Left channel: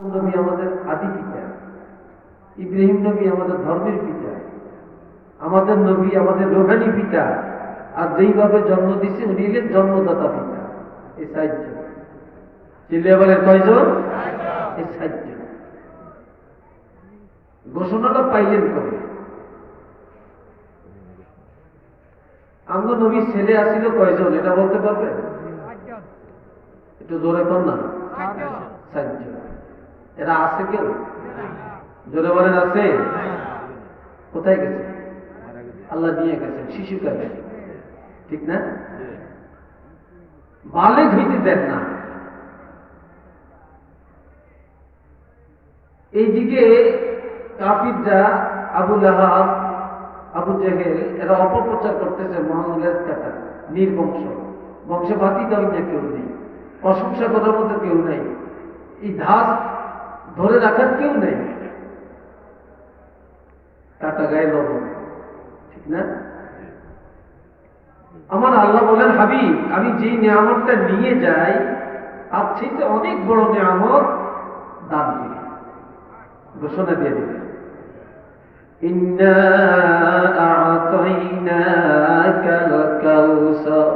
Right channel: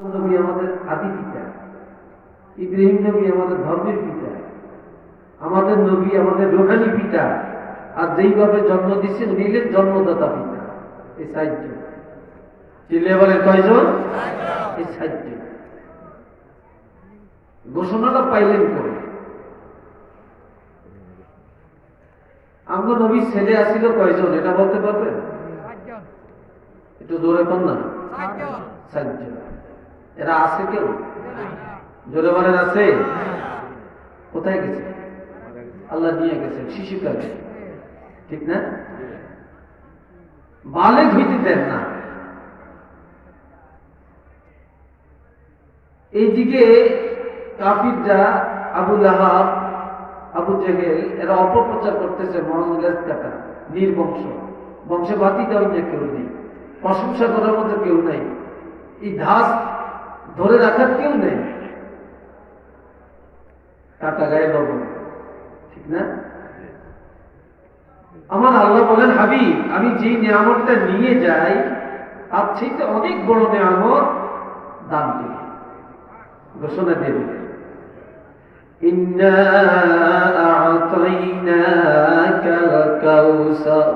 নবী আমাদের আদি পিতা, ইব্রাহিম নবী আমাদের ধর্মের পিতা, আমাদের নবী আমাদের রুহানি পিতা, আর যেইভাবে জন্ম দিচ্ছে উনি হলেন জন্মদাতা পিতা। এই সাহায্য চিল্লে বলেন কয়জন? এই সাহায্য ঘোষণাটা পাইলেন কবে? আমরা নবীর ছেলে আসিল কয়জন এটা বলতে পারবেন? একটু জোরে কর না। সাহায্য এরা আছে কেউ? জোরে বলেন আছে? কোথায় গেছে? আল্লাহ নিয়ে গেছে শিশুকালে, ঠিক না? বালেগ হইতে দেন না। এইদিকে কাফিররা আবু লাহাব, আবু জেহেল এরা অপপ্রচার করতেছে মোহাম্মদ কাটা নির্বংশ, বংশে বাতি দেওয়ার কেউ নেই, প্রশংসা করার মতো কেউ নেই, এই ধাস ধরে রাখার কেউ নেই, কাটা গায়ে লবণ, ঠিক না? আমার আল্লাহ বলেন হাবিব আমি যেই নিয়ামতটা নিয়ে যাই তার চাইতে অনেক বড় নিয়ামত দান দিই, ঘোষণা দিয়ে দিলেন ইন্না আ'তাইনাকাল কাউসার।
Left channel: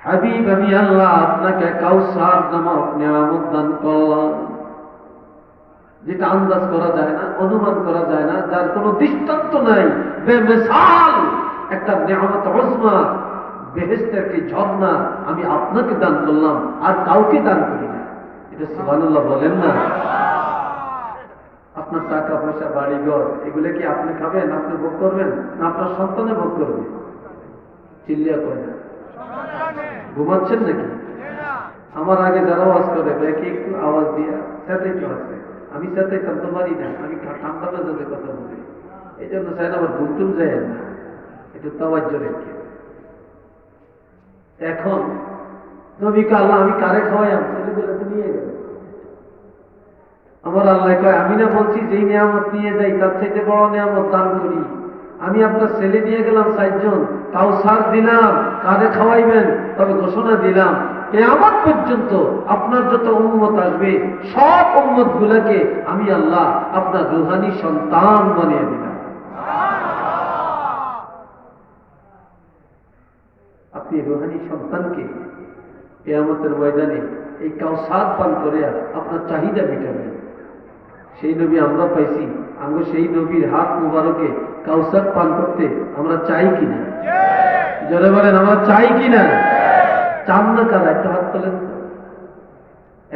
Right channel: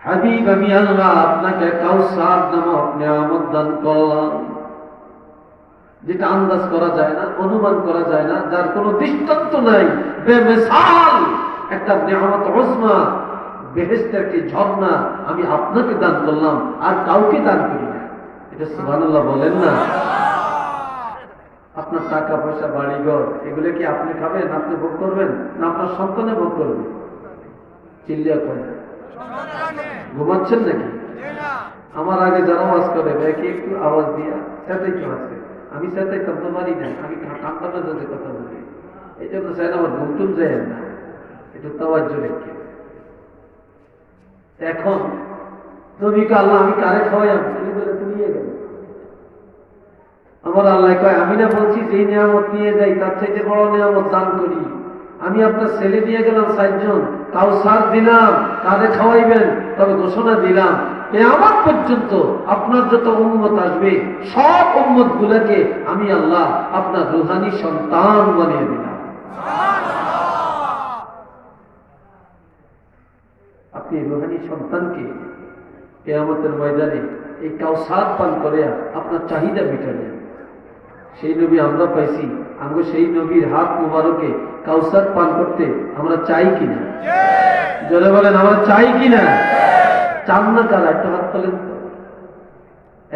হাবিব আমি আল্লাহ আপনাকে কাউসার নামক নিয়ামত দান করলাম, যেটা আন্দাজ করা যায় না, অনুমান করা যায় না, যার কোনো দৃষ্টান্ত নাই, বেমিসাল একটা নিয়ামত উজমা, বেহেশতের একটি ঝর্ণা আমি আপনাকে দান করলাম, আর কাউকে দান করি না। এটা সুবহানাল্লাহ বলেন না? আপনার টাকা পয়সা বাড়িঘর এগুলো কি আপনি খাবেন, আপনি ভোগ করবেন, না আপনার সন্তানে ভোগ করবে? চিল্লিয়া করেন, ঘুমাচ্ছেন নাকি? আমার আগে যারা আওয়াজ করে দেখি একটু আওয়াজ দিয়া সাথে একটু আছে, আমি সাথে কাঁদতে পারি না, আমি ঠান্ডা মেজাজে কথা বলি, এই জন্য স্যার আমার ঘুমটুম যায় না, একটু তাওয়াজ্জু রেখে। এখন নবীকে আল্লাহ আমি কারে খাওয়াই আপনি নিয়ে গেল। আমার আল্লাহ কয় আমি না বলছি যেই নিয়ামত নিয়ে যাই তার চাইতে বড় নিয়ামত দান করি। আমি আপনার ছেলে দিয়ে গেলাম 60 জন, কাউসার দিলাম, কারে খাওয়াইবেন? তবে ঘোষণা দিলাম কিয়ামত পর্যন্ত আপনার যত উম্মত আসবে সব উম্মত গুলাকে আমি আল্লাহ আপনার রুহানি সন্তান বানিয়ে দিলাম। আপনি রুহানি সন্তানকে কিয়ামতের ময়দানে এই কাউসার পান করে আপনার চাহিদা মেটাবেন। সেই নবী আমরা পাইছি, আমরা সেই নবীর হাত মুবারকে কাউসার পান করতে আমরা চাই কিনা? জোরে বলেন আমরা চাই কিনা? চান না কারা? একটা হাত তোলেন তো।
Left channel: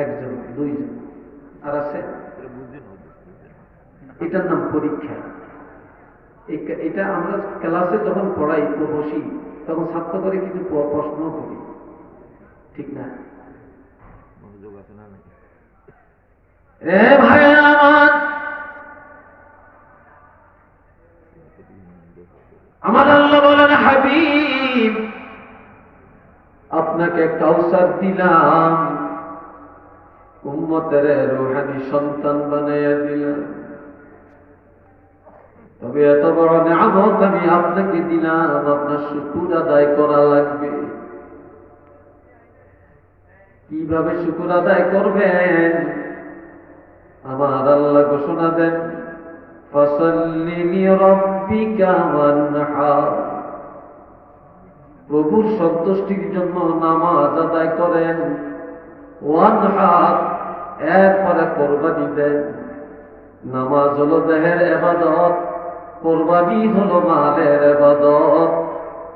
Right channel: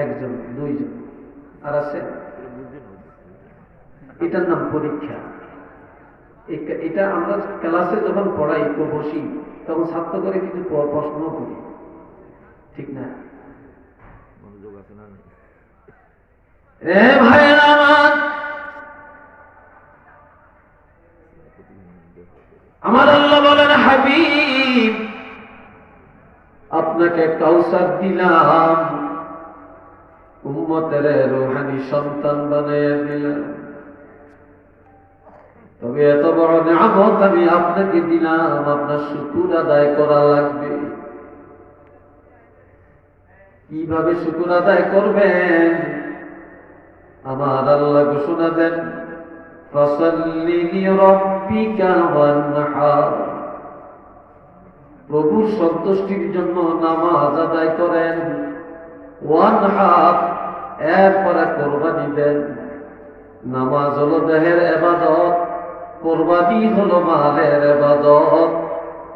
একজন, দুইজন, আর আছে? এটার নাম পরীক্ষা। এটা আমরা ক্লাসে যখন পড়াই বসি তখন ছাত্র করে কিছু প্রশ্ন করি, ঠিক না? ভাইয়েরা আমার আল্লাহ বলেন হাবিব আপনাকে কাউসার দিলাম, উম্মতের রুহানি সন্তান বানিয়ে দিলাম, তবে এত বড় নিয়ামত আমি আপনাকে দিলাম, আপনার শুকর আদায় করা লাগবে। কিভাবে শুকর আদায় করবেন? আমার আল্লাহ ঘোষণা দেন ফাসাল্লি লিরাব্বিকা ওয়ানহার, প্রভুর সন্তুষ্টির জন্য নামাজ আদায় করেন, ওয়ানহার এরপরে কোরবানি দেন। নামাজ হলো দেহের ইবাদত, কোরবানি হলো মালের ইবাদত।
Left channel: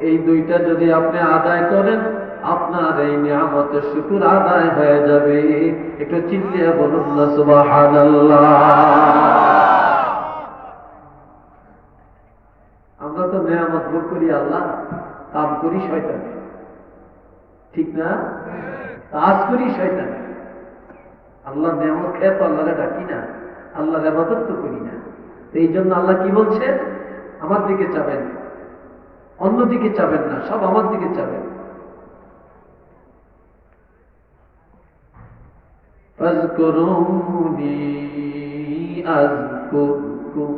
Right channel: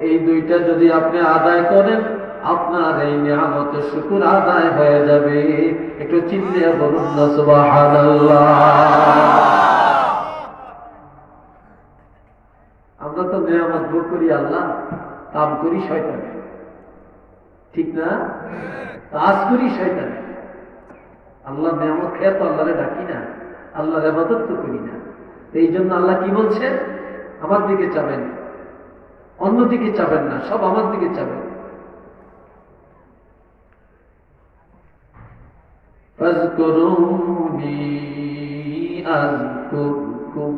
এই দুইটা যদি আপনি আদায় করেন আপনার এই নিয়ামত শুকর আদায় হয়ে যাবে। একটু চিল্লিয়ে বলুন না সুবহানাল্লাহ। আমরা তো নিয়ামত ভোগ করি আল্লাহ, কাম করি শয়তানে, ঠিক না? কাজ করি শয়তানে। আল্লাহ নিয়ামত খেয়ে তো আল্লাহরে ডাকি না, আল্লাহর ইবাদত তো করি না। এই জন্য আল্লাহ কি বলছে? আমার দিকে চাবেন, অন্যদিকে চাবেন না, সব আমার দিকে চাবেন। ফাযকুরুনি আযকুরকুম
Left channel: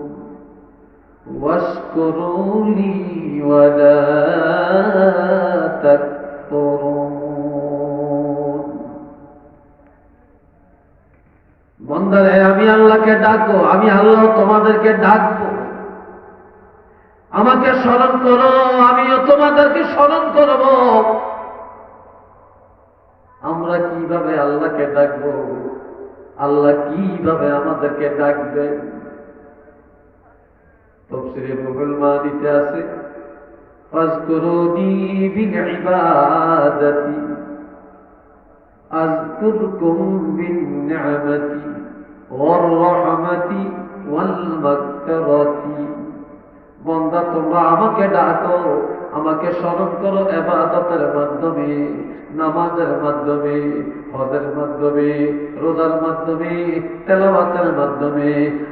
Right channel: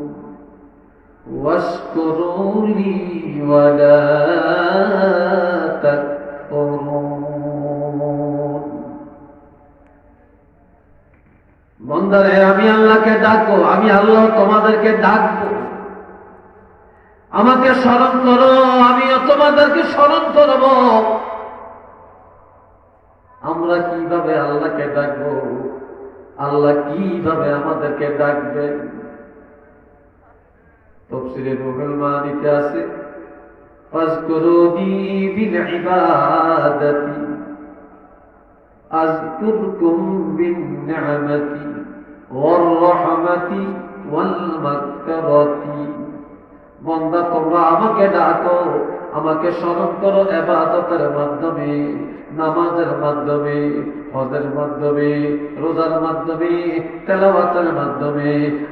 ওয়াশকুরুলি ওয়ালা তাকফুরুন। বন্দারে আমি আল্লাহকে ডাকবো, আমি আল্লাহ তোমাদেরকে ডাকবো, আমাকে স্মরণ করো, আমিও তোমাদেরকে স্মরণ করব। আমরা কিভাবে আল্লাহকে ডাকবো, আল্লাহ কিভাবে আমাদেরকে ডাকবেন? তাফসীরে রুহুল মানিতে আছে, ফাজকুরুনি বিল ইবাদাতি আযকুরকুম বিন নি'মাতি ওয়ার রাহমাতি ওয়াল মাগফিরাতি। বান্দা তোমরা আমাকে ডাকো, আমাকে স্মরণ করো ইবাদতের মাধ্যমে, নামাজের মাধ্যমে, হজের মাধ্যমে, রোজার মাধ্যমে, তেলাওয়াতের মাধ্যমে,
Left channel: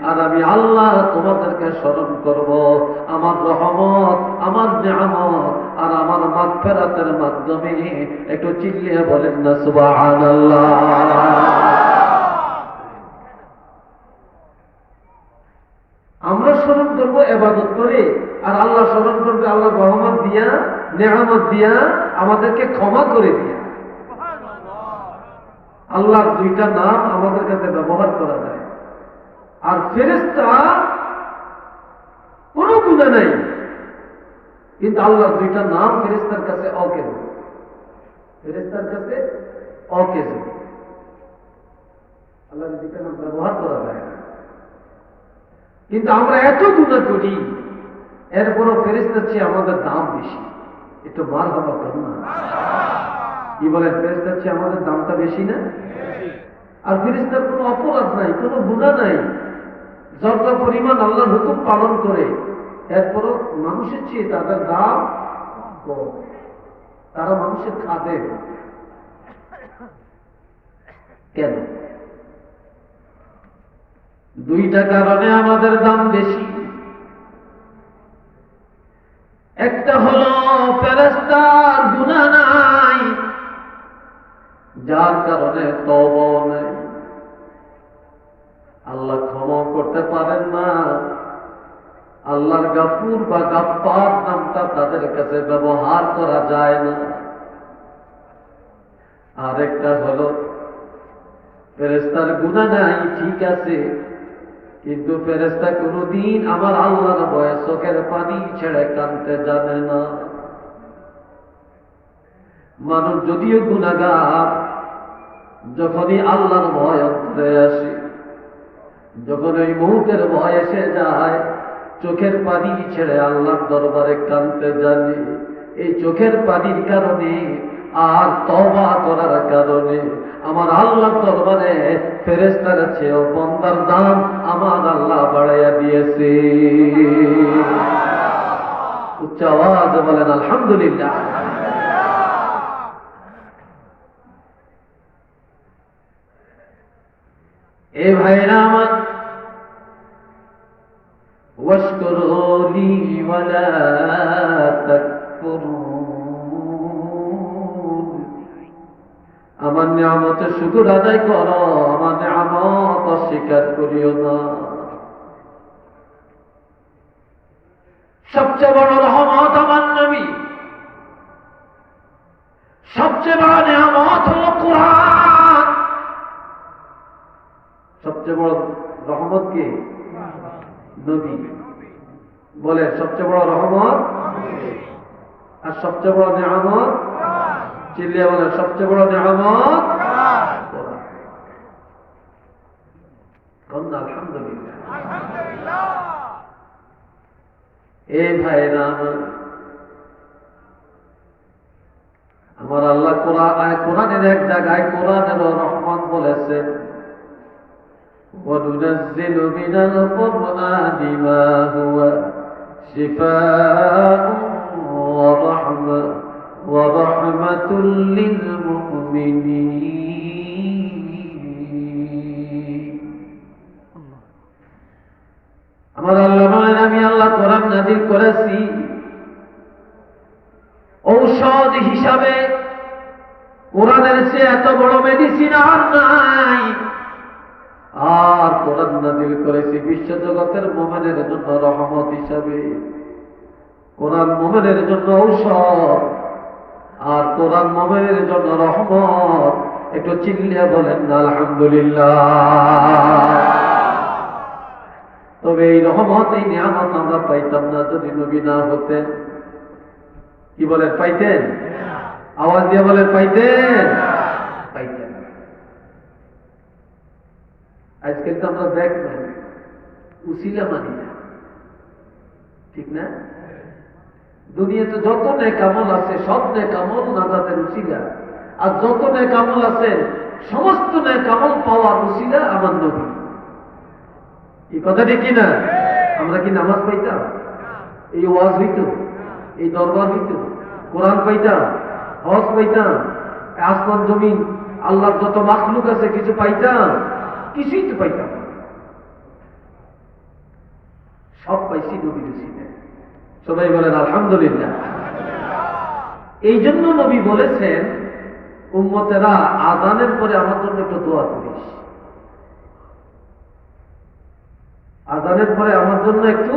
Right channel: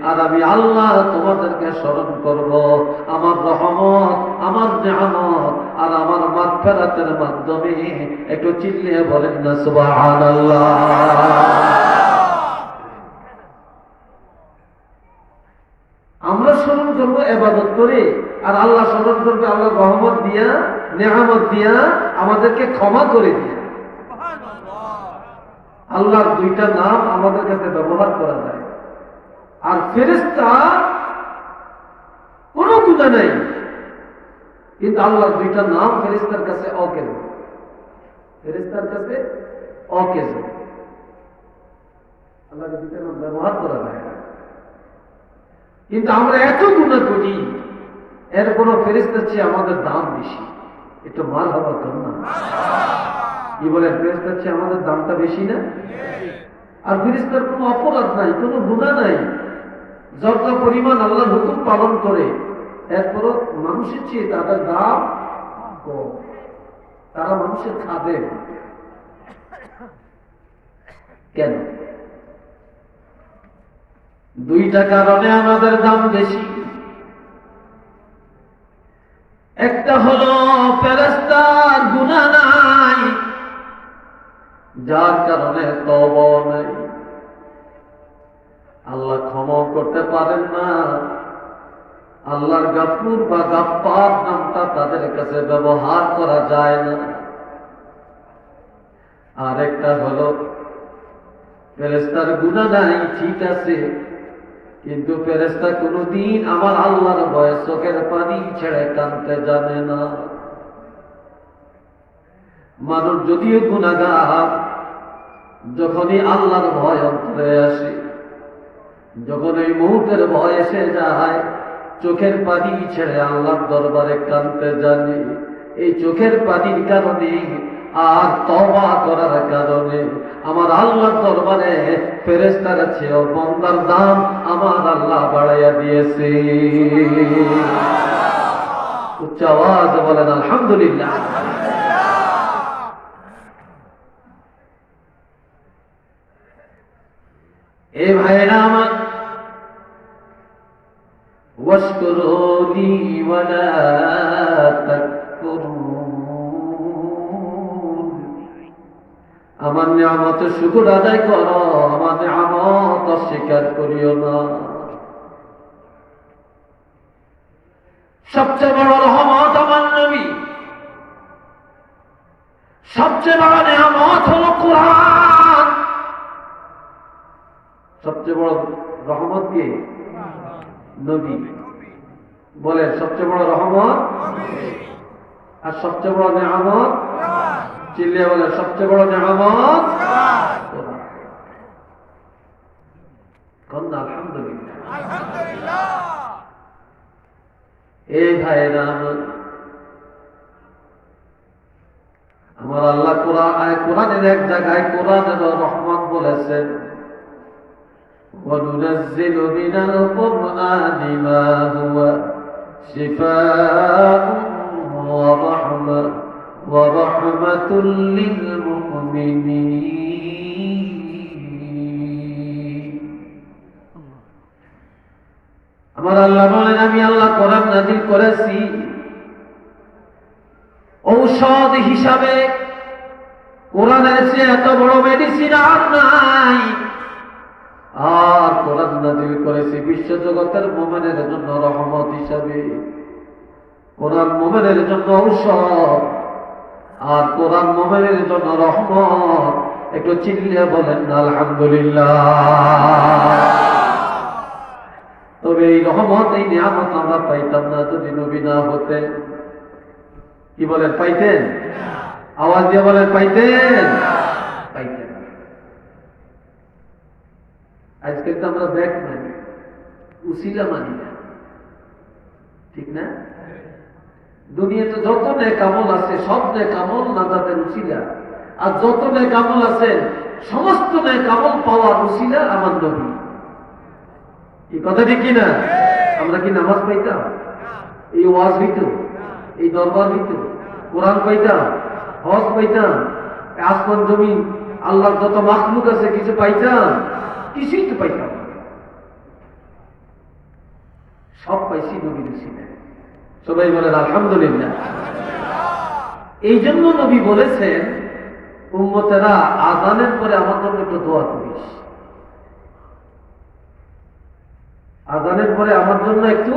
আর আমি আল্লাহ তোমাদেরকে স্মরণ করব আমার রহমত, আমার নিয়ামত আর আমার মাগফিরাতের মাধ্যমে। একটু চিল্লিয়ে বলেন না সুবহানাল্লাহ। আমরা স্মরণ করবো ইবাদত করে, আর আল্লাহ স্মরণ করবে আল্লাহ রহমত দিয়া, নেয়ামত দিয়া, আমাদেরকে ক্ষমা করে দিয়া। আল্লাহর দুইটা নাম আমাদের কাছে ব্যবহার করা যায়। আর ফেরেশতা কোনো গুনাহ নাই, কিন্তু আল্লাহর দুইটা নাম ফেরেশতার কাছে অকেজ, ফেরেশতার কাছে অকেজ। আল্লাহর দুইটা নাম ব্যবহার করা যায় না, কিন্তু আমরা এত গুনাহ করি, এরপরও ফেরেশতার চেয়ে আমাদের দাম বেশি। একটু মারহাবা কর না, কি বলে? ফেরেশতার চেয়ে আমাদের দামটা বেশি না? আর ফেরেশতার কোনো অপরাধ নাই, কোনো গুনাহ নাই, যতটা পরিমাণ আল্লাহর হুকুম পালন করে, এরপরও মানুষের চেয়ে তাদের দাম কম। তারা মানুষের খাদেম। কেন? দুইটা কারণে আমাদের দাম বেশি। একটা হলো ফেরেশতার গুনাহ নাই, যার কারণে তওবা নাই, আল্লাহ ক্ষমা করতে পারেন না। আল্লাহর গাফুর বা গাফফার নামটা তাদের কাছে ব্যবহার করা যায় না। আর একটা হলো ফেরেশতার গুনাহ নাই, ঠিক আছে, কিন্তু ফেরেশতা কোনদিন আমার আল্লাহর ভয়ে চোখের পানি ছেড়ে কাঁদতে জানে না। মানুষ যদিও গুনাহগার, যখনই আল্লাহর ভয় অন্তরে আসে, যখন ওই মৌতের ভয় এসে যায়, চোখের পানি ছেড়ে আল্লাহর দরবারে কাঁদতে জানে। এই চোখের পানির কারণে আর তওবা করার কারণে আমার আল্লাহর দরবারে ফেরেশতার চেয়েও বান্দার দাম আমার আল্লাহ বাড়াইয়া দিয়েছে। উচ্চ আওয়াজে বলেন আলহামদুলিল্লাহ। এ ভাইরা আমার, ওয়াশকুরুনি ওয়ালা তাকফুরুন, আমার নিয়ামতের শুকর আদায় করো, আমার নিয়ামত অস্বীকার করিও না। সবচেয়ে বড় রহমত আমার নবী, সবচেয়ে বড় নিয়ামত হলো কোরআন। সবচেয়ে বড় রহমত কে? নবী। বলে সবচেয়ে বড় রহমত, আর সবচেয়ে বড় নিয়ামত, চিল্লিয়ে বলে সবচেয়ে বড় নিয়ামত। আলহামদুলিল্লাহ। এই ভাইরা আমার আল্লাহ কোরআনের এক জায়গায় কোরআনের রহমত বলেছেন, وَنُنَزِّلُ مِنَ الْقُرْآنِ مَا هُوَ شِفَاءٌ وَرَحْمَةٌ لِّلْمُؤْمِنِينَ। আমার আল্লাহ বলেন, আমি আল্লাহ কোরআন নাযিল করেছি ঔষধ হিসাবে। কোরআনের চেয়ে এত বড় মেডিসিন আর নাই। আর কোরআন নাযিল করেছি বিশ্বজগতের মুমিনের জন্য রহমত হিসাবে। কোরআন মুমিনের জন্য ঔষধ, আর কোরআন মুমিনের জন্য রহমত। একটু চিল্লিয়ে বলেন না আলহামদুলিল্লাহ। তবে এই রহমত, এই নিয়ামত আমরা পাইতাম না যদি নবী না হতেন। কি বলেন, পাইতেন? আওয়াজ দিয়ে বলেন, পাইতেন? পাইতেন। আজকে তো আমরা ব্যাগ মানি, উসিলা মানি না, ঠিক না? দুনিয়াতে যত নেকামল আছে সব নেকামল নাজাতের উসিলা, আর যত নেকামল আছে সমস্ত নেকামল পাওয়ার উসিলা আমার নবী। এই কথাটি কি না? আমরা কি নামাজ পাইতাম? এই ওয়াজ হইত, এই দরবার হইত, কোরআন পাইতাম, হজ পাইতাম, আসমান জমিন আল্লাহর যত মাখলুক আছে কিছু পাইতাম? কিছুই তো পাইতাম। সব পাইছি নবীর উসিলায়। সবাই বলেন আলহামদুলিল্লাহ। এই জন্য নবী বলেছেন, উম্মতেরা আযানের পরে আমার জন্য একটু দোয়া করিস। আযানের পরে আমার জন্য একটু,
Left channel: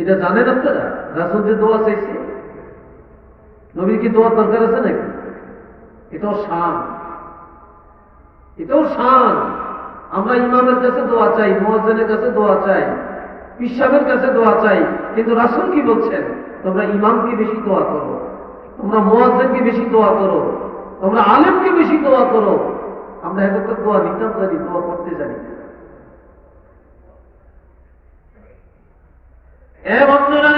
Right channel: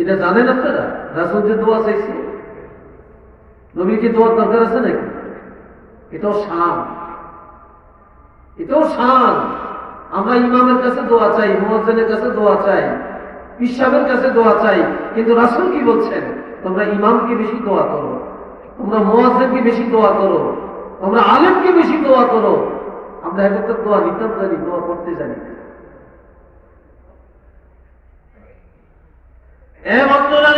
এটা জানেন আপনারা? রাসূল যে দোয়া চাইছে, নবী কি দোয়ার দরকার আছে নাকি? এটাও শান, এটাও শান। আমরা ইমামের কাছে দোয়া চাই, মুয়াজ্জিনের কাছে দোয়া চাই, পিসাবের কাছে দোয়া চাই, কিন্তু রাসূল কি বলছেন? তোমরা ইমামকে বেশি দোয়া করো, তোমরা মুয়াজ্জিনকে বেশি দোয়া করো, তোমরা আলেমকে বেশি দোয়া করো। আমরা এখন তো দোয়া নিতাম জানি, দোয়া করতে জানি। এ বন্ধুরা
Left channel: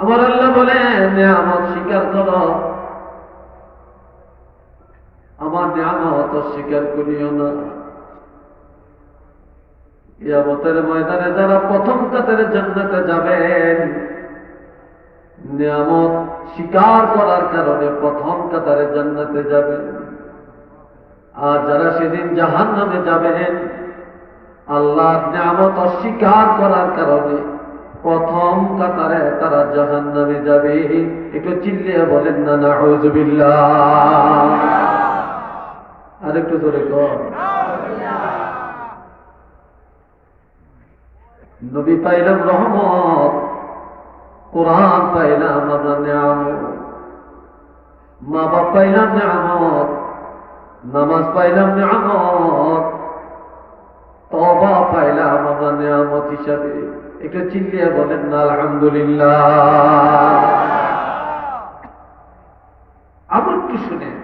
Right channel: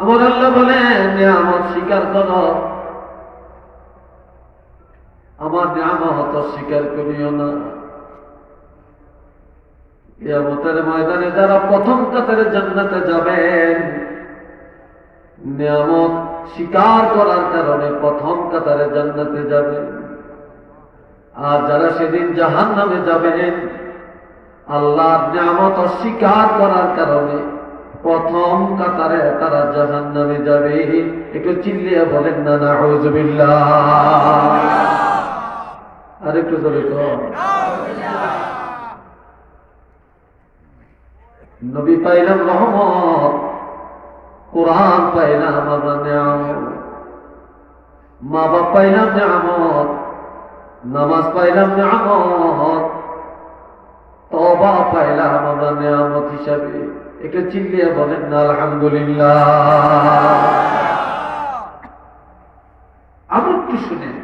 আমার আল্লাহ বলেন, নিয়ামত স্বীকার করো, আমার নিয়ামত অস্বীকার করিও না। কিয়ামতের ময়দানে যারা প্রথম কাতারে জান্নাতে যাবেন, নিয়ামত স্বীকার করার কারণে প্রথম কাতারে জান্নাতে যাবেন। আর যারা সেদিন জাহান্নামে যাবেন, আল্লাহর নিয়ামত অস্বীকার করার কারণে প্রথম কাতারে তারা জাহান্নামে যাবে। একটু চিল্লিয়ে বলেন না নাউযুবিল্লাহ। আর একটু জোরে কর। নবী পাইলাম রহমত, কোরআন পাইলাম আমরা নিয়ামত, মা বাপ পাইলাম নিয়ামত, নামাজ পাইলাম নিয়ামত, তওবা পাইলাম আমরা নিয়ামত হিসাবে। একটু চিল্লিয়ে বলেন না আলহামদুলিল্লাহ। আবার কি শুনেন,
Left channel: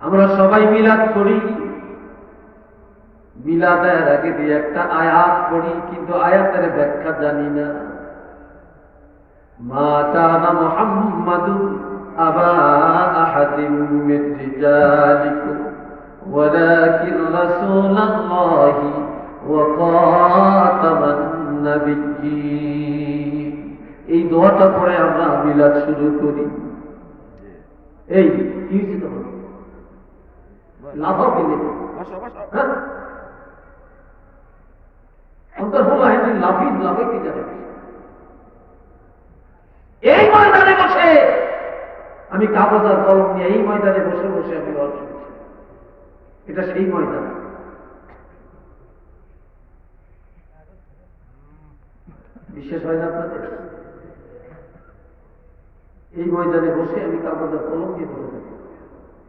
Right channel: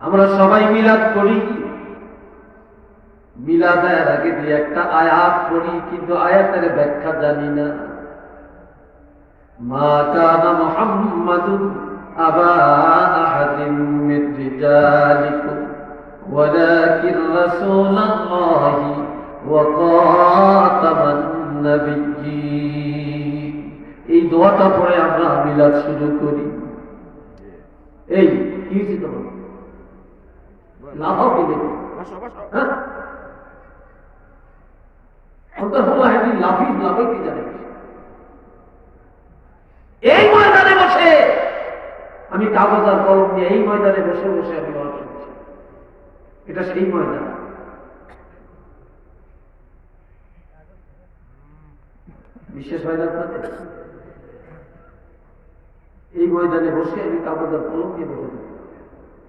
আমরা সবাই মিলাদ করি, মিলাদের আগে দিয়ে একটা আয়াত পড়ি, কিন্তু আয়াতের ব্যাখ্যা জানি না। মা কানা মুহাম্মাদুন আবা আহাদিন মিন রিজালিকুম ওয়ালাকিন রাসূলুল্লাহি ওয়া খাতামান নাবিয়্যিন। এই দোয়াটা পড়ে আমরা মিলাদ শুরু করি। এই কি হয়েছে তোমার? লাফাও পেলে লাফাইতে যাবে। এই ময়দানে বসে আমি কাগজ আর কলম নিয়ে এই ময়দানে বসে বসে আমি ওয়াজ করছি। এটা সেই ময়দান। বিশেষ হয় না আপনাদের? এই ময়দানে বসে আমি কাগজ আর কলম নিয়ে বসে থাকি,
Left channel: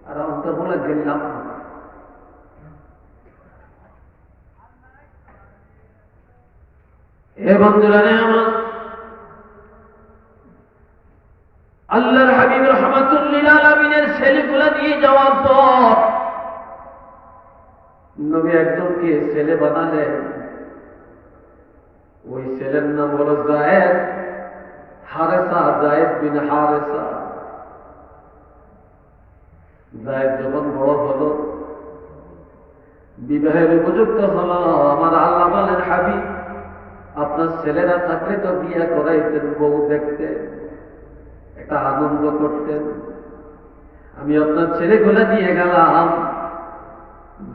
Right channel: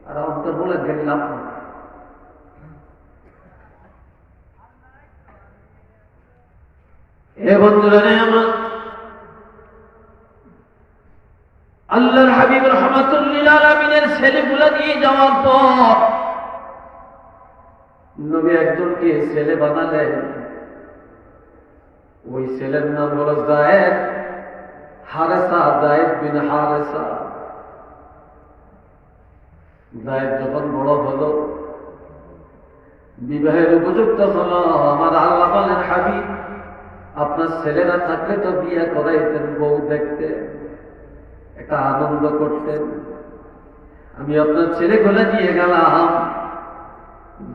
আর অন্তর বলে গেলে লাভ না। এ বন্ধুরা আমার আল্লাহর হাবিব রাহমাতুল্লিল আলামিনের ছেলেগুলা নিয়ে যাওয়ার পর নবী একজনকে ছেলে বানালেন। ওই ছেলের নাম হলো যায়েদ হারেসা, যায়েদ বিন হারেসা। যায়েদ যখন বড় হলো, বিবাহের উপযুক্ত হলো, আমার আল্লাহ বলেন, হাবিব আপনার ছেলেরা থাকলে তো বিয়ে করাইতেন, বউ দেখতেন, একটা আনন্দ করতেন। আমি আপনার ছেলেগুলা নিয়ে গেলাম,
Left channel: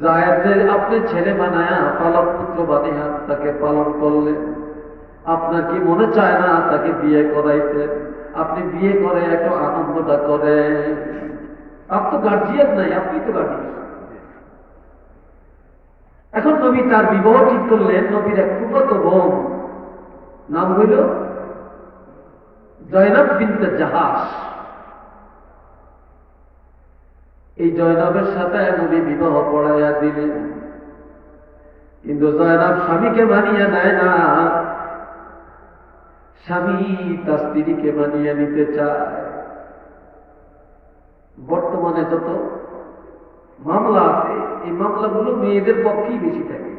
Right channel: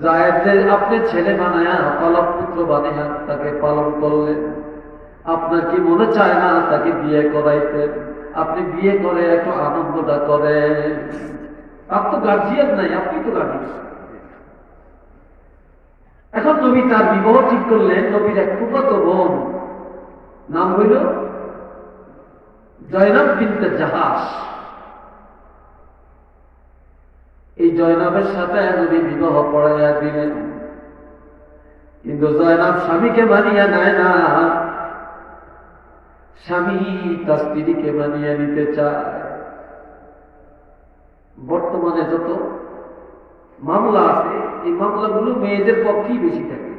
যায়েদের আপনি ছেলে বানায়া পালক পুত্র বানিয়া তাকে পালন করলেন। আপনার কি মনে চায় না তাকে বিয়ে করাইতেন? আপনি বিয়ে করে একটু আনন্দটা করেন। তার তো গার্জিয়ান নাই, আপনি তো গার্জিয়ান। এখন নবী তার বিবাহ ঠিক করলেন। নবীর এক ফুফাতো বোন, নাম হইল জয়নব বিনতে জাহাস, এই জয়নবের সাথে নবী বিবাহ পড়াইয়া দিলেন। কিন্তু জয়নব স্বামীকে মানিয়ে নেয় না, স্বামী তার স্ত্রীকে মানিয়ে নিতে চায়। বর্তমানে যত মামলা আছে, এই মামলাগুলো মেয়েদের পক্ষেই বেশি থাকে।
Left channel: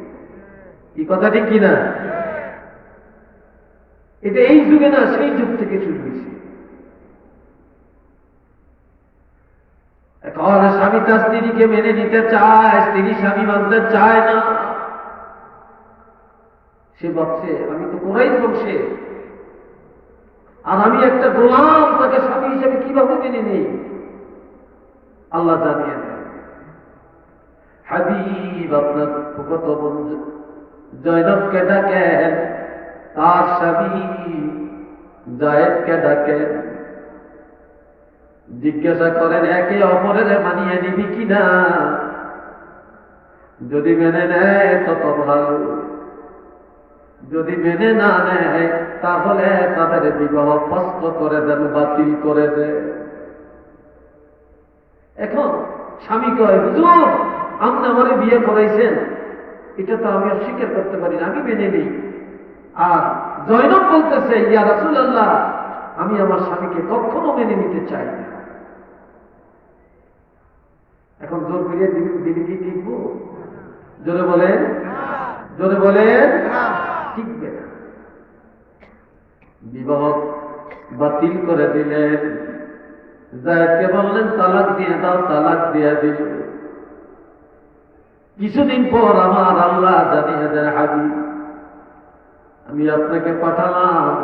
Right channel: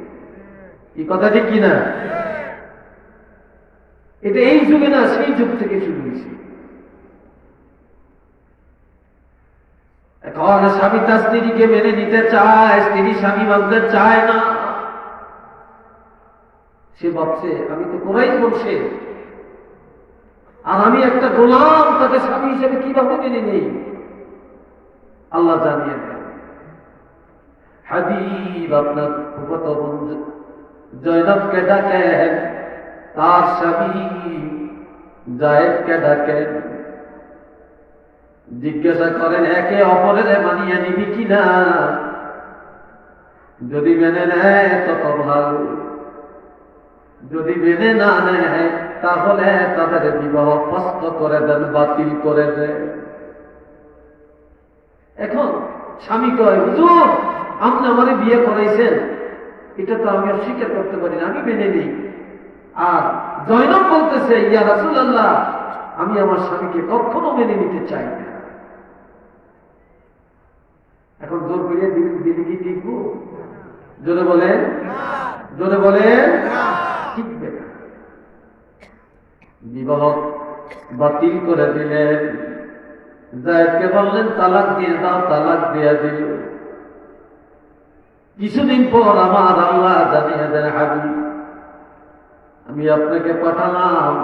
এই কথা ঠিক কিনা? এটা এই যুগে না, সেই যুগ থেকে শুরু হয়েছে। এখন স্বামী তার স্ত্রীকে মেনে নিতে চায়, স্ত্রী স্বামী মানতে চায় না। সে ভাবছে আমি তো কোরাইশ বংশে, আর আমি একটা গোলাম, তাকে স্বামী হিসেবে কিভাবে মেনে নেই? আল্লাহ জানিয়ে দেন, হাবিব আপনার ফুফাতো বোন জয়নবকে ডাকেন, তার স্বামী জায়েদকে ডাকেন, জিজ্ঞাসা করেন একে অপরের মানিয়ে নিবি কিনা। যদি মেনে নেয় তত ভালো, যদি মেনে না নেয় তাহলে তাদের বিবাহ ফস্ত করে দেন, বাতিল করে দেন। এখন স্বামী কয়, হুজুর আপনি আমারে বিয়ে করাইছেন, এটা তো আমি স্বীকার করতে পারি না, আমি মেনে নেই। আর জয়নব বলতেছে, ইয়া রাসূলুল্লাহ, আমি আমার স্বামীকে কখনো মেনে নিতে চাই না। এখন জোর করিয়ে দিলে কি টিকবো? জোরে বলেন, জোরে বলেন, টিকবে না। বিবাহ বাতিল করে দিলেন। জায়েদকে বললেন তালাক দিয়ে দাও, তালাক দিয়ে দিল। কিছুদিন পর আমার আল্লাহ জানিয়ে দেন, হাবিব আমি আপনাকে পাঠালাম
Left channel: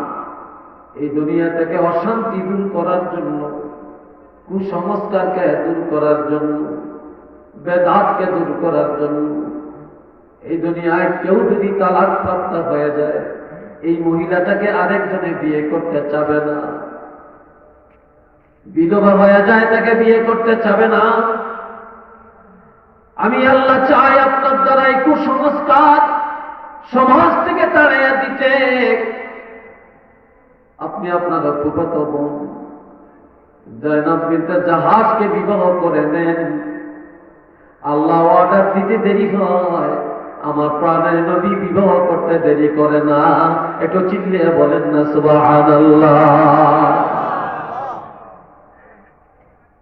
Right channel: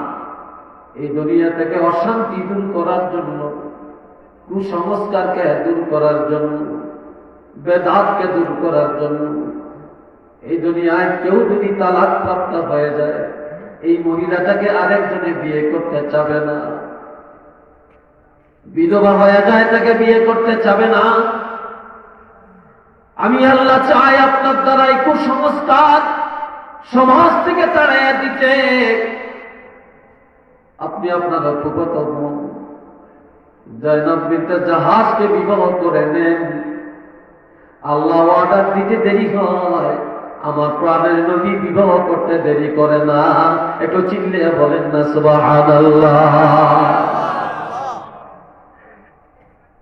এই দুনিয়া থেকে অশান্তি দূর করার জন্য, কুসংস্কারকে দূর করার জন্য, বেদাতকে দূর করার জন্য। এই দুনিয়ায় কেউ যদি তালাক প্রাপ্ত হয়ে যায়, এই মহিলাটাকে আরেকজনে বিয়ে করতে চাবে না। বিধবা হয়ে যায়, তাকে বিয়ে করতে চাবে না। আমি আল্লাহ চাই আপনার দ্বারা এই কুসংস্কার সমাজ থেকে তাড়াইয়া দিতে। আপনি আপনার ফুফাতো বোন জয়নব বিনতে জাহাজকে বিবাহ করে নেন। আল্লাহ অর্ডার দিতে দেরি হয়, আমার প্রাণের নবী বিবাহ করতে দেরি করে না। একটু চিল্লিয়ে বলেন না সুবহানাল্লাহ।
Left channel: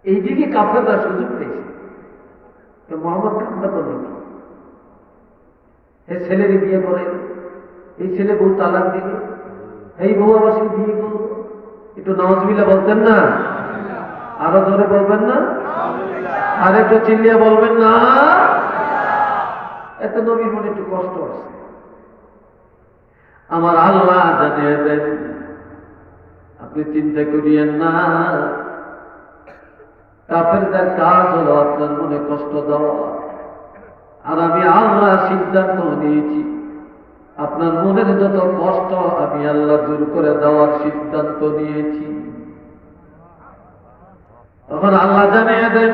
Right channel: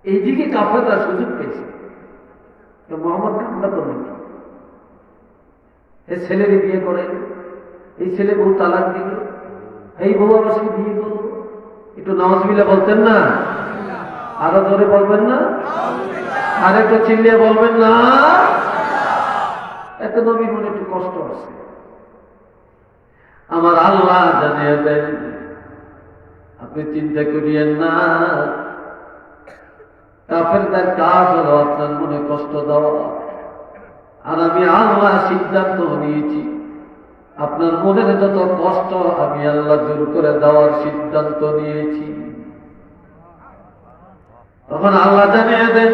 এইদিকে কাফেররা সুযোগ পেয়েছে, মোহাম্মদ কামড়া করবেন, এই ছেলের বিয়ে করে, এই ছেলে বউ তালাক দিল, এই বউ আমার সাথে বিয়ে করলো। একটু নাউজুবিল্লাহ বলতেন না? আরো ধরে বলবেন না? আর একটু চিল্লিয়ে বলবেন না? এত নবীর মনে একটু কষ্ট আছে। আমার আল্লাহ জানিয়ে দেন, আপনি চিন্তা করিয়েন না। কাফেরদের কাজ হলো আপনার মনে কষ্ট দেওয়া, আর আমি আল্লাহ সিদ্ধান্ত নিয়েছি আপনার মনের যত কষ্ট আমি আল্লাহ দূর করে দেওয়ার সিদ্ধান্ত নিয়েছি। তখন আল্লাহ জানিয়ে দেন,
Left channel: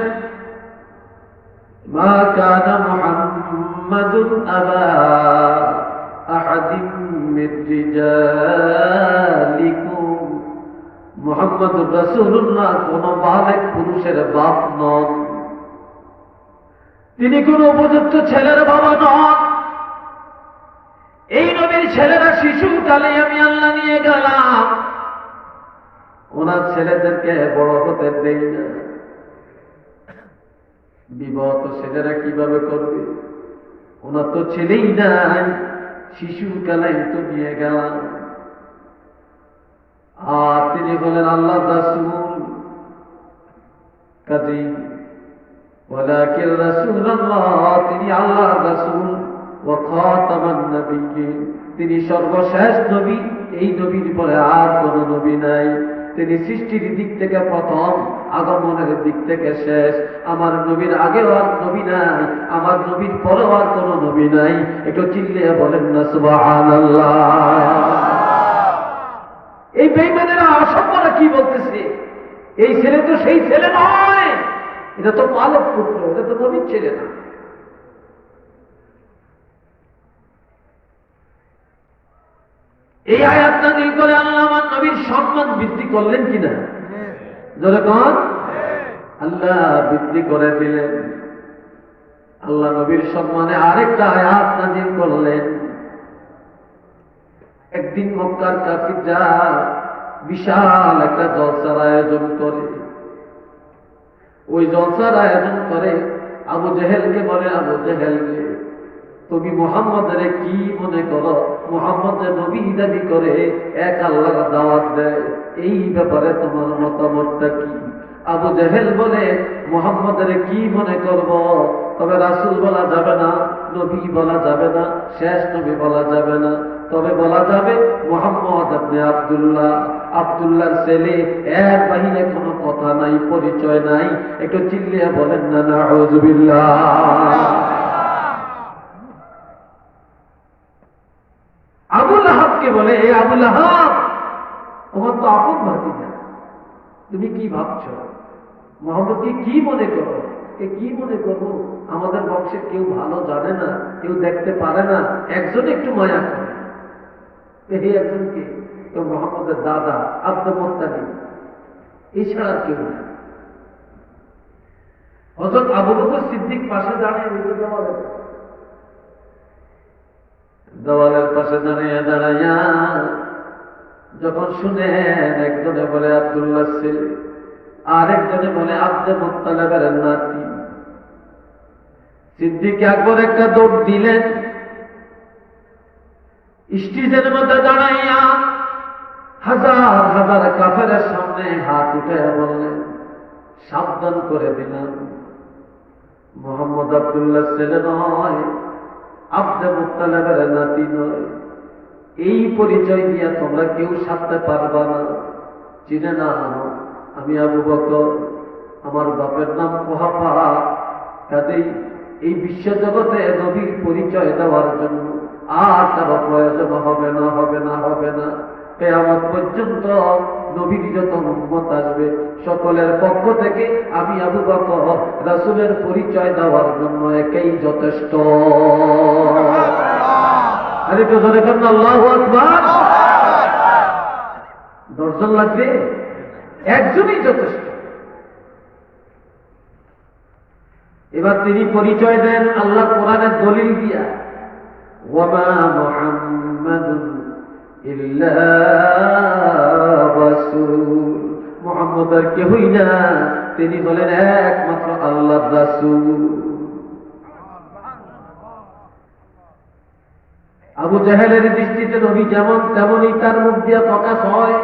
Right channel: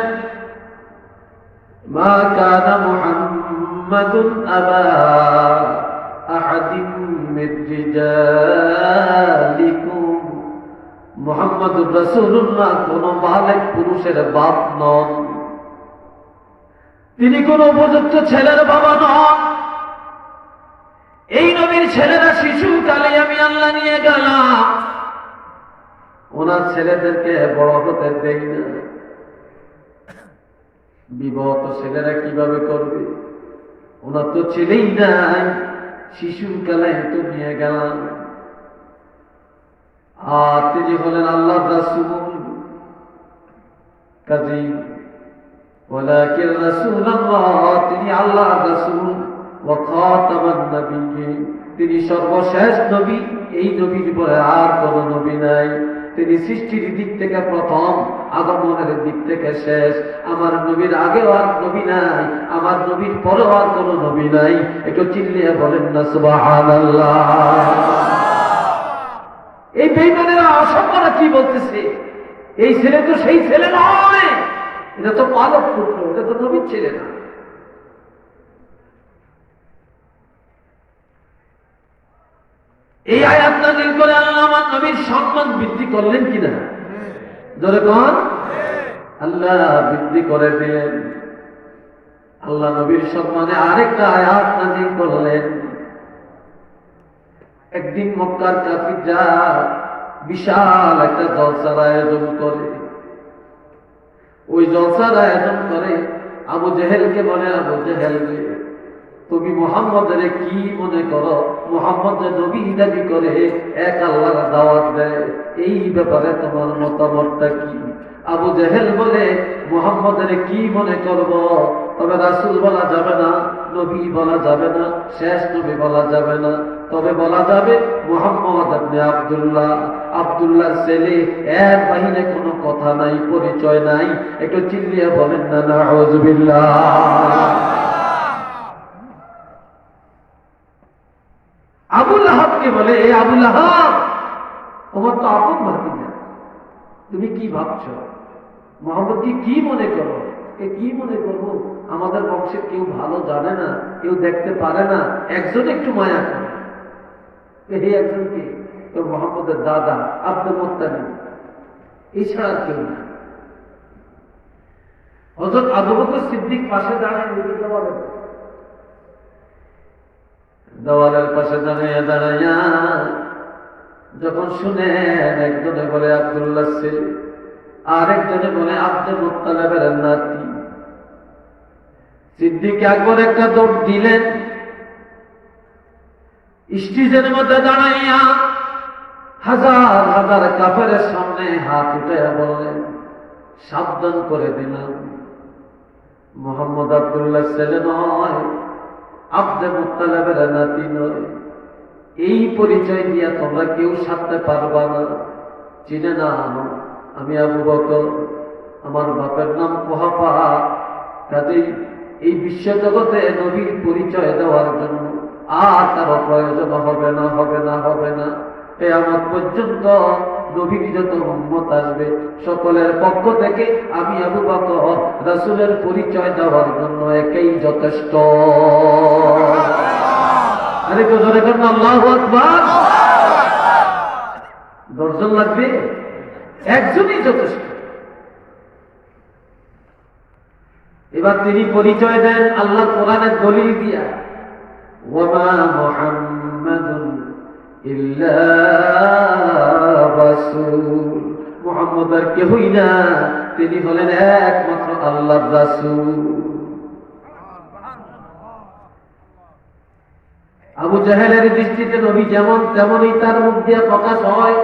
মা কানা মুহাম্মাদুন আবা আহাদিন মির রিজালিকুম, মুহাম্মদুর রাসূলুল্লাহ কোন বালেক পুরুষের বাপ নন, তিনি কোন উপযুক্ত ছেলের বাবা নন। এই নবীর ছেলেরা শিশুকালে আমি আল্লাহ নিয়ে গেলাম, ওনার ছেলেদেরকে বড় হতে দেই না। বিবাহ তো ছেলেরা কিভাবে করবে? ওনার তো ছেলেই নাই, শিশুকালে তো নিয়ে গেলাম। আর তিনি হলেন আল্লাহ রাসূল, কাজী ওয়ালাকিন রাসূলুল্লাহ, তিনি আল্লাহ রাসূল, ওয়া খাতামান নবিয়্যিন, তিনি সর্বশেষ নবী। এই নবীর পরে আর কোন নবী নাই। তিনি সৃষ্টির দিক থেকে প্রথম, আগমনের দিক থেকে শেষ। আমার নবীর আগেও আর নবী নাই, আমার নবীর পরেও আর কোন নবী নাই। একটু চিল্লিয়ে বলেন না সুবহানাল্লাহ। এই বেঈমানেরা অসম্মানরা কি বলতেছে? এই ছেলে তো সেই ছেলে নয়, এটা তো মানব পুত্র, এটা তো নবীর ছেলে না। এই আয়াত নাযিল করে আল্লাহ আমার নবীর সম্মান বৃদ্ধি করলেন কিনা? জোরে কোন? আল্লাহ বৃদ্ধি করে দিলেন। আল্লাহ নবীর সম্মানে আরেকটা আয়াত নাযিল করলেন। একদিন মক্কার কাফিররা বিশাল একটা জলসার আয়োজন করে। ওই জলসার আয়োজন করে আবু জেহেলকে বলে, আবু জেহেল, তুমি মুহাম্মদের কি মনে করো? মুহাম্মদ যে নবী দাবি করে, এক আল্লাহর দাওয়াত দেয়, এই ব্যাপারে তোমার মতামতটা কি? আবু জেহেল বলে, মুহাম্মদের কি মনে করব? তবে রাসূল বলা যাবে না, নবী বলা যাবে না, শেষ নবী বলা যাবে না, তবে বলা যাবে মুহাম্মদ ইবনে আব্দুল্লাহ, আব্দুল্লাহর ছেলে। এর বাহিরে কোনো কথা নাই, পরিচয় নাই। একটু চিল্লিয়ে বলেন না নাউযুবিল্লাহ। আবু লাহাবকে বলে, এ আবু লাহাব, তোমার তো আপন ভাতিজা, তুমি কি ভাবছো? মুহাম্মদকে কি মনে করো? কি মনে করবো? আমাদের বংশের কেউ ভালো জানে না, কেউ দেখতে পারে না, একজন একটু মায়া করে। এই একজনকে তো মুহাম্মদের দাদা আব্দুল মুত্তালিব, এছাড়া কেউ না। হযরত আবু বকর সিদ্দিক পাশে দাঁড়িয়ে দেওয়ালের পাশে দাঁড়াইয়া যখন শুনেন, একজনে বলে আব্দুল্লাহ ছেলে, আরেকজনে বলে আব্দুল মুত্তালিবের নাতি। সিদ্দিক আকবর একটা দৌড় দিলেন, স্টেজের মধ্যে দাঁড়াইয়া হাজার হাজার কাফেরের সামনে হাত উঠে বললেন, সাবধান করে দিলাম, মুহাম্মদ আব্দুল্লাহ ছেলে নয়, আব্দুল মুত্তালিবের নাতি নয়। এই পরিচয় দিয়া তোমরা কেউ সারতে পারবা না। চিনে না আমি আবু বকর, আমার বাপের নাম কুহাফা। কাজেই এই বিশ্বজগতে নবীর পরিচয় দেওয়ার জন্য আর তার প্রয়োজন হবে না, হবে না, হবে না। কিয়ামত পর্যন্ত নবীর যত উম্মত আসবে, সকলের পক্ষ থেকে আমি আবু বকর রাসূলের পরিচয় দেওয়ার জন্য একাই যথেষ্ট। আরে তো জোরে করেন আল্লাহু আকবার। দর্শন লাগবে, একজনই যথেষ্ট। এবার তিনি পরিচয় দেন আল্লাহর কোরআনের দলিল দিয়া, ওয়ামা মুহাম্মাদুন ইল্লা রাসূল, মুহাম্মদ আর কেহই না, তিনি হলেন একমাত্র আল্লাহর রাসূল। আবু জাহেলের দৃষ্টিতে নবী যেমন, তেমনই তার মুখ দিয়ে প্রকাশ হয়।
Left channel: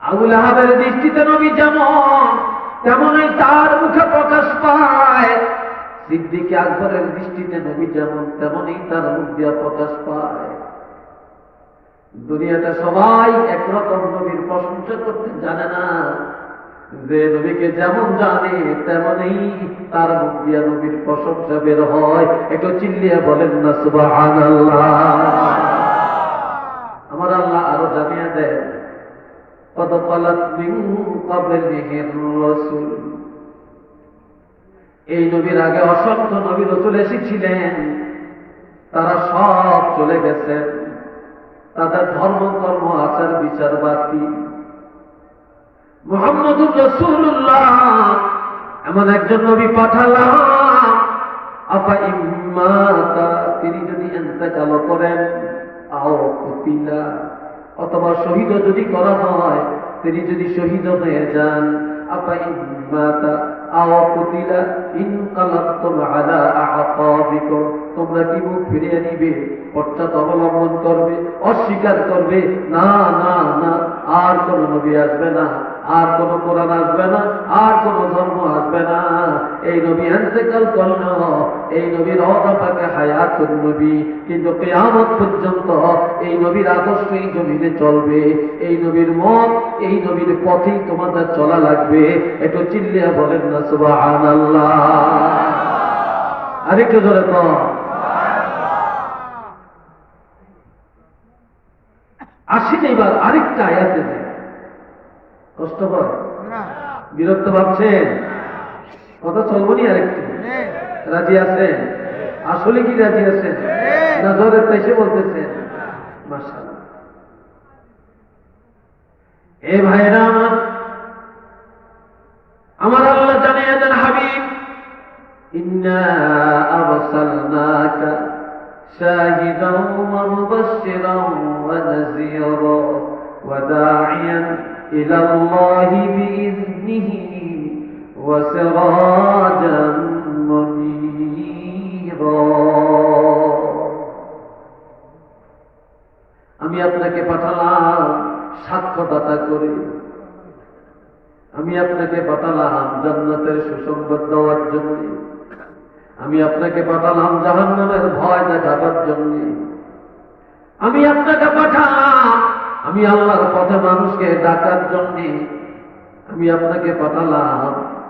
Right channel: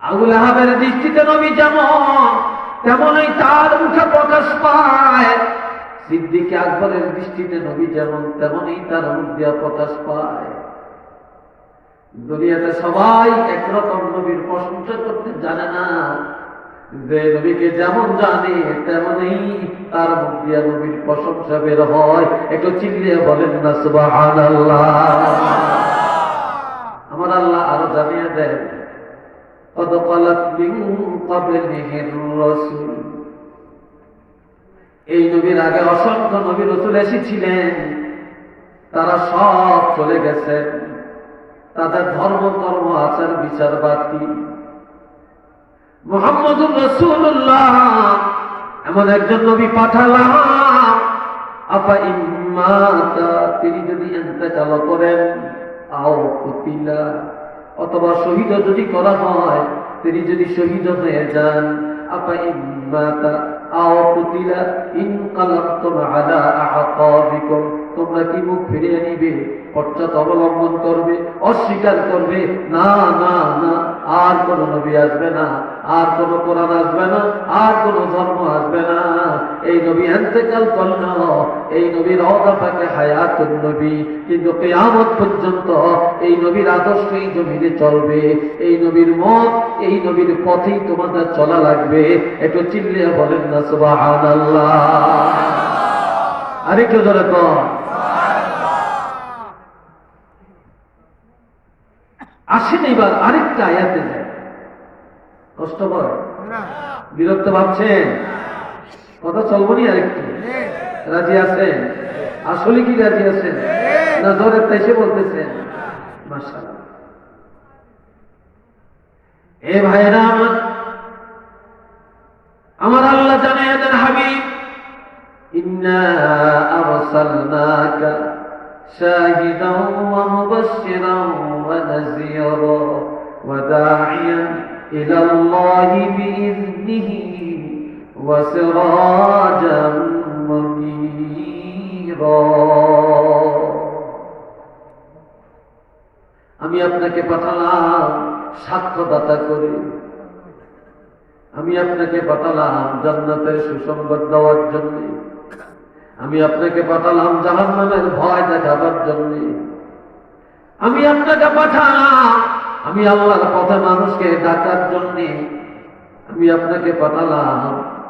আবু লাহাবের দৃষ্টিতে নবী যেমন, তেমনই তার মুখে প্রকাশ পায়। সিদ্দিক আকবরের দৃষ্টিতে নবী যেমন, তেমনই তার মুখ দিয়ে প্রকাশ পায়। দুনিয়াতে সবাই একরকম নবীর প্রশংসা করতে জানে না। যে নবীকে যেমন জানে, তেমনই তার মুখ দিয়ে নবীর প্রশংসা বের হয়। একটু চিল্লিয়ে বলেন না সুবহানাল্লাহ। আমার আল্লাহ আরো জানিয়ে দেন, قد خلت من قبله الرسل, এই নবীর আগে অসংখ্য নবী রাসূল এসেছিলেন, তারা সব চলে গেছে। তাদের ধর্ম, কর্ম, আচার বিচার বাতি। মুহাম্মদুর রাসূলুল্লাহ এমন একজন নবী পাঠালাম, আফা ইম্মাতা, তিনি যদি ইন্তেকাল করেন, আও কুতিলা, অথবা শহীদ যদি করা হয়, তিনি যদি শহীদ হয়ে যান, আপা ইম্মাতা আও কুতিলা ইনকালাবতুম আলা আআকাবিকুম, তোমরা কি মুখ ফিরিয়ে নিবে, অর্থাৎ অবলম্বন করবে, অস্বীকার করবে? না না না, আর কোন নবী আসবে না, আর কোন কোরআন আসবে না, আর কোন ধর্ম আসবে না। এই নবী ইন্তেকাল করল, এই নবীর রওজা পাকে হায়াতুন নবী, কিন্তু কিয়ামত পর্যন্ত এই নবীর আদর্শ এই জমিনে চলবে। এই নবীর মত, এই নবীর পথেই তোমাদের চলা লাগবে। একটু চিল্লিয়ে বলেন না সুবহানাল্লাহ। আরেকটু জোরে কর। আসেন এবার আরেকটা আয়াতে যায়। কষ্ট হয়, বিরক্ত ভাবছেন? কথা চলবো নি? আরেকটু রাজি আছেন? আসলে কি রাজি আছেন না জোরে তাইসে বলতেছেন? মাশাআল্লাহ। এ ভাইরা আমার আল্লাহ জানিয়ে দেন, হাবিব ইন্না আরসালনাকা শাহিদান ওয়া মুবাশশিরান ওয়া নাযীরা ওয়া দাঈয়ান ইলা আল্লাহি বিইذনিহি ওয়া সিরাজাম মুনীরা। আমি আপনাকে পাঠালাম সাক্ষ্যদাতা করে, আমি আপনাকে পাঠালাম জান্নাতের সুসংবাদ দেওয়ার জন্য, আমি আপনাকে পাঠালাম জাহান্নামের ভয় দেখাবার জন্য, আমি আপনাকে পাঠালাম আমি আল্লাহর পথে মানুষকে ডাকার জন্য, আমি আপনাকে পাঠালাম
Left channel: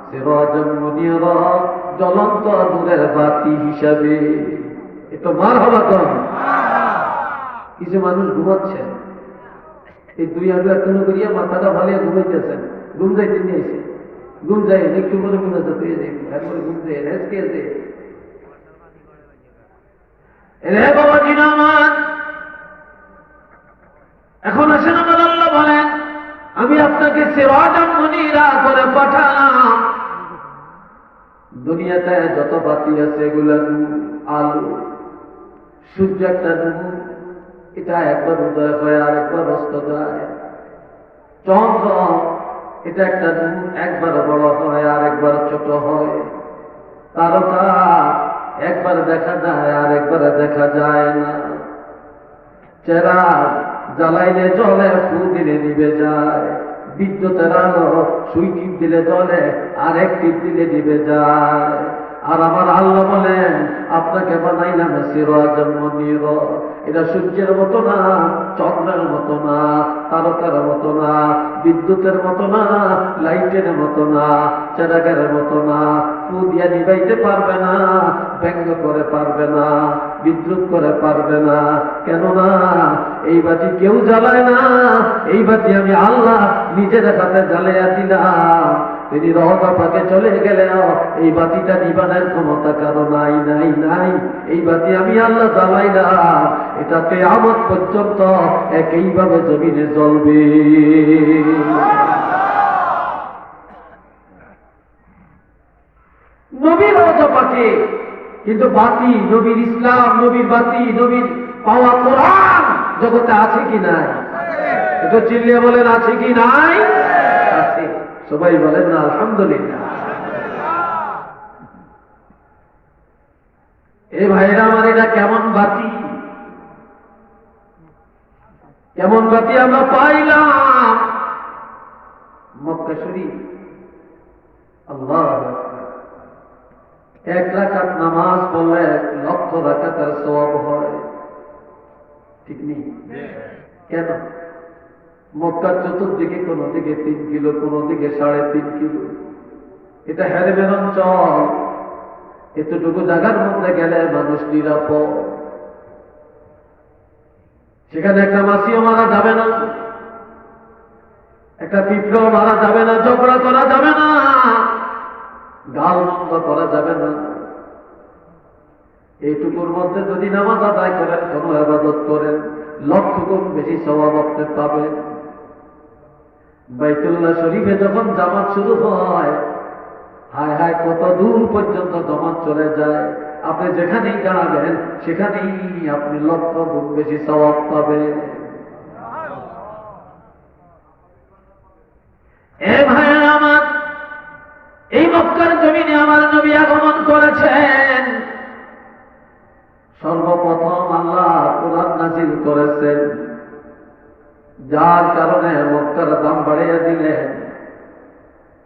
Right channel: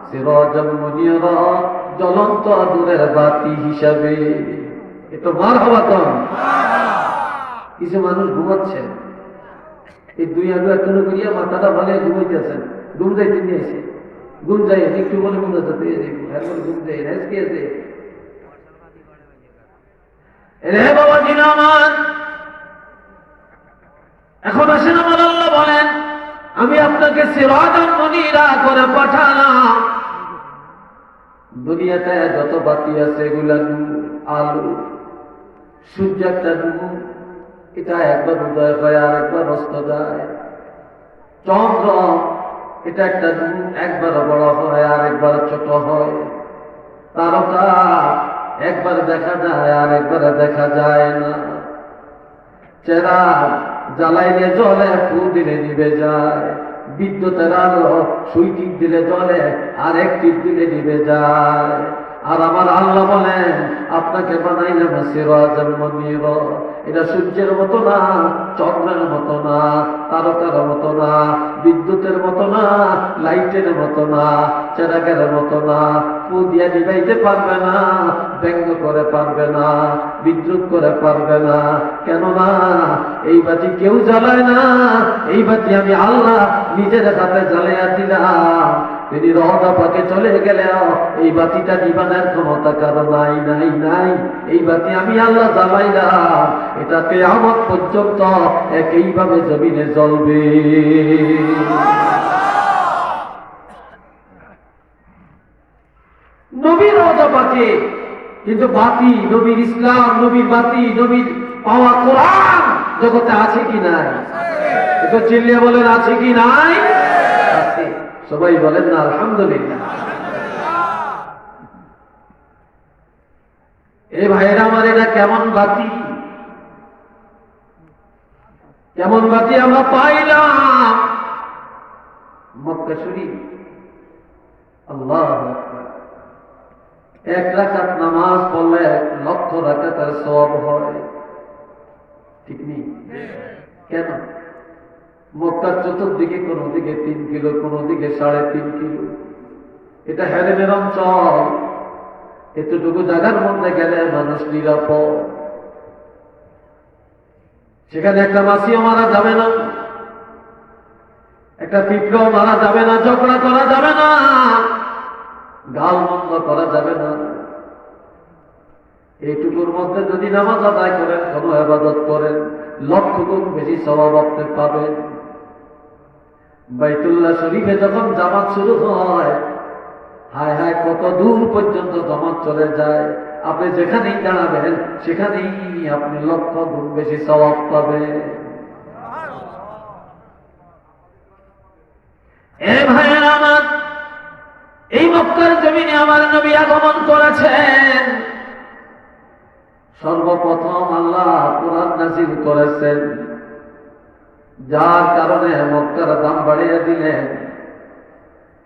সিরাজাম মুনীরা, জ্বলন্ত আগুনের বাতি হিসাবে। এটা মারহাবা কর। কিছু মানুষ ঘুমাচ্ছেন, এই দুই আগে একটু করিয়া মাথাটা ভালো ঘুমাইতেছেন, ঘুম যাইতে নিয়েছে, ঘুম যাই একটু বলে মনে হচ্ছে এখন ঘুম যাই আজকে আছে। রে বাবা জিনামান, এখন আসেন আমার আল্লাহ বলেন আমি আপনাকে সিরাজাম মুনীরা করে পাঠালাম। দুনিয়াতে যত বাতি আছে এগুলা আলো, সূর্য একটা নূর, এটা একবার উদয় হয় আর একবার অস্ত যায়। চন্দ্র এটা একটা নূর, একবার বড় হয় আর একবার ছোট হয়। তারকা একবার দেখা যায় আর একবার দেখা যায় না। চেরাগ জ্বালাইলে জ্বলে, ফু দিলে নিভে যায়। বিদ্যুতের আলো সুই টিপ দিলে জ্বলে আর এক টিপ দিলে নিভে যায়। আর আমার আল্লাহ বলেন আপনাকে বানাইলাম সিরাজাম মুনীরা। এটা সূর্যের মতো না, চন্দ্রের মতো না, তারকার মতো না, বিদ্যুতের মতো না, লাইটের মতো না, চেরাগের মতো না। ফু দিয়া নিবাইতে পারবে না, ব্যঙ্গ করে পারবে না, বিদ্রুপ করে পারবে না। কেননা এই বাতি কেউ জ্বালায় না, এই বাতি আমি আল্লাহ নিজের হাতে জ্বালিয়ে দিলাম। তিনি রহদা পাকে চলে গেলেও এই বাতিটা নিবানের ক্ষমতা কারো নাই নাই নাই। এই বাতি আমি আল্লাহ জ্বালাইলাম, এটা কিয়ামত পর্যন্ত একইভাবে জমিনে জ্বলবে। নবীর রওজা পাকে কিন্তু বাতি, নবীর ইসলাম, নবীর বাতি, নবীর পাওয়া কোরআন জগতে আছে কি নাই? একটু চিল্লিয়ে বলেন আছে কি নাই? আছে। সবাই বলেন না আলহামদুলিল্লাহ। এই ভাইরা আমার এটা কেমন বাতি, কেমন বাতি আমরা পাইলাম মক্কা শরীফ। আল্লাহু আকবার। এক রাকাত নামাজ পড়লে 1,00,000 রাকাতের সওয়াব হয়, ঠিক নেই? কেন? মক্কার চতুর্দিকে কোন দিকে 3 কিলো, কোন দিকে 3.5 কিলো। এটা হেরেমের অঞ্চল। এতটুকু জায়গার মধ্যে গেলে মানুষ নিরাপদ। সেখানে একটা মাছিও মারা যাবে না, একটা পিঁপড়াও মারা যাবে না, ঝগড়া করা যাবে না, গাল মন্দ করা যাবে না। এইটুকুর মধ্যে যদি নামাজ আদায় করেন, কোনো ইবাদত করেন, 1,00,000 গুণ বেশি সওয়াব আপনি পাবেন। বাইতুল্লাহ শরীফে যখন জামাত শুরু হয়, হায় হায় কত দূর পর্যন্ত জামাত চলে যায়। আপনি যেখানেই দাঁড়াবেন সেখানেই আপনি 1,00,000 গুণ বেশি সওয়াব পাবেন। এ ভাইয়েরা আমার, এই মক্কার জমিনে আমার নবী আগমন করেছেন। সর্বপ্রথম আল্লাহ কোরআন নাযিল করেছেন, যার কারণে মক্কার দাম বাড়িয়ে দিলেন।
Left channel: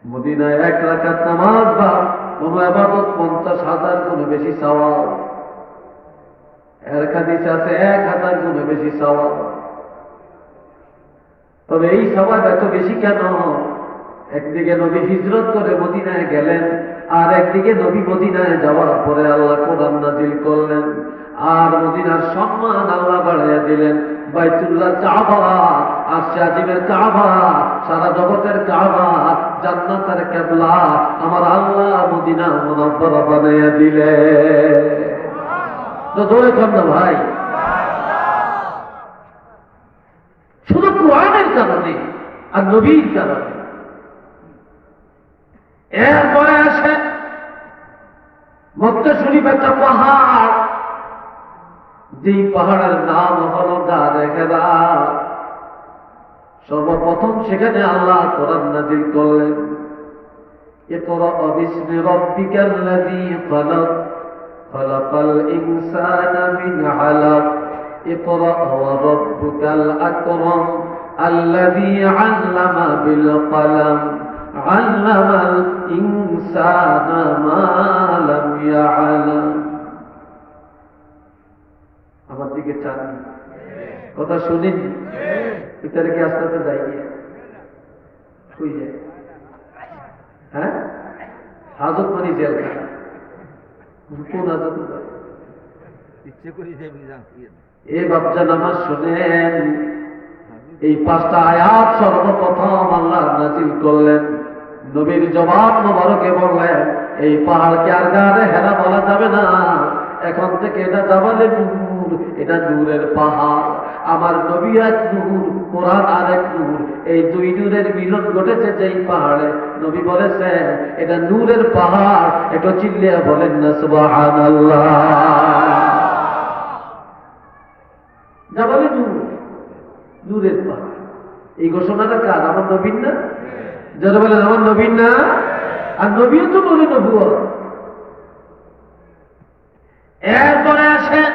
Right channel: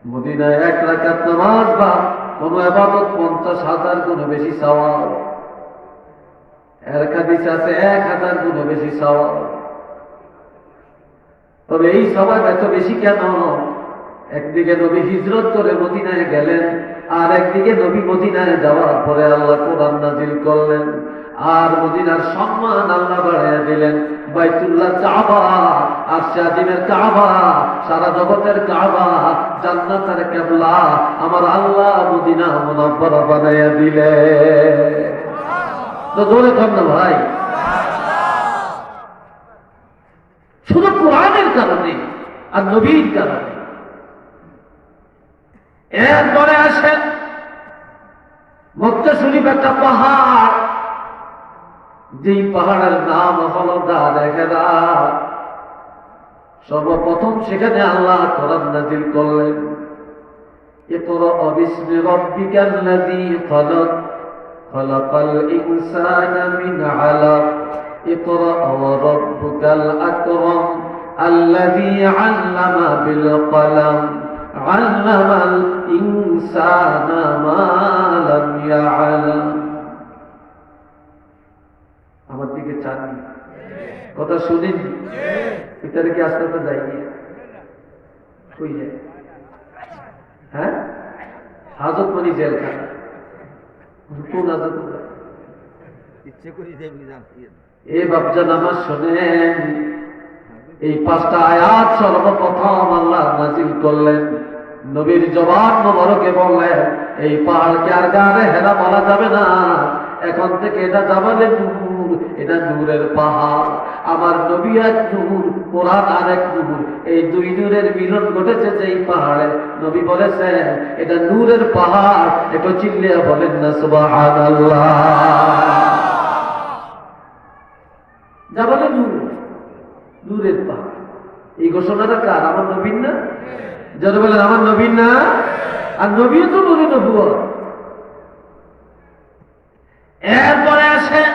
মদিনায় 1 রাকাত নামাজ বা কোন ইবাদত 50,000 গুণ বেশি সওয়াব। এর হাদিস আছে 1,000 গুণ বেশি সওয়াব। তবে এই সওয়াব এত বেশি কেন? একদিকে নবী হিজরত করে মদিনায় গেলেন, আর একদিকে নবী মদিনায় যাওয়ার পরে আল্লাহ কোরআন নাযিল করলেন, আর মদিনার সম্মান আল্লাহ বাড়াইয়া দিলেন। বাইতুল্লাহ কাবা, আরশে আজিমের কাবা, সারা জগতের কাবা, জান্নাতের কিবলা আমার আল্লাহ মদিনা মুনাওয়ারা বানাইয়া দিলেন। তো জোরে কর না ভাই। আর নবীর কারণে। এরপরে আসে মক্কা শরীফ একটা পাহাড়, যেই পাহাড়ের নাম হলো গারে হেরা। সর্বপ্রথম সেখানে আল্লাহ কোরআন নাযিল করলেন, ইকরা বিসমি রাব্বিকাল্লাযী খালাক খালাকাল ইনসানা মিন আলাক ইকরা ওয়া রাব্বুকাল আকরাম আল্লাযী আল্লামা বিল কলম আল্লামাল ইনসানা মা লাম ইয়ালাম। আমার দিকে চান, কথা শুনেন, ভিতরে কি আস্তে আস্তে যায়নি? শুই যায়। হ্যাঁ, হাজত মানে জেলখানা। কোন হাজত? ইচ্ছে করি এ বাপজান আমার শোনেন, এই 5টা আয়াত সর্বপ্রথম আল্লাহ নাযিল করলেন। নবীর জবাব মোবারকে বললেন, এই পাহাড়কে আর গারে হেরা বলা যাবে না, এখন থেকে এটা জাবালে নূর, এটা নূরের পাহাড়। আমার নবী এক নূর, কোরআন আর এক নূর, এই দুই নূরের মিলন ঘটেছে যেই পাহাড়ে। নবী বলেছে এটা নূরের পাহাড়। একটু চিল্লিয়ে বলেন না সুবহানাল্লাহ। জাবালে নূর, নূরের পাহাড়। এই ঘোষণাটা কার? আমার নবীর না? যারা বলেন আমার নবীর না? আর নবী তো নবী নবুয়ত। এরপরে আসেন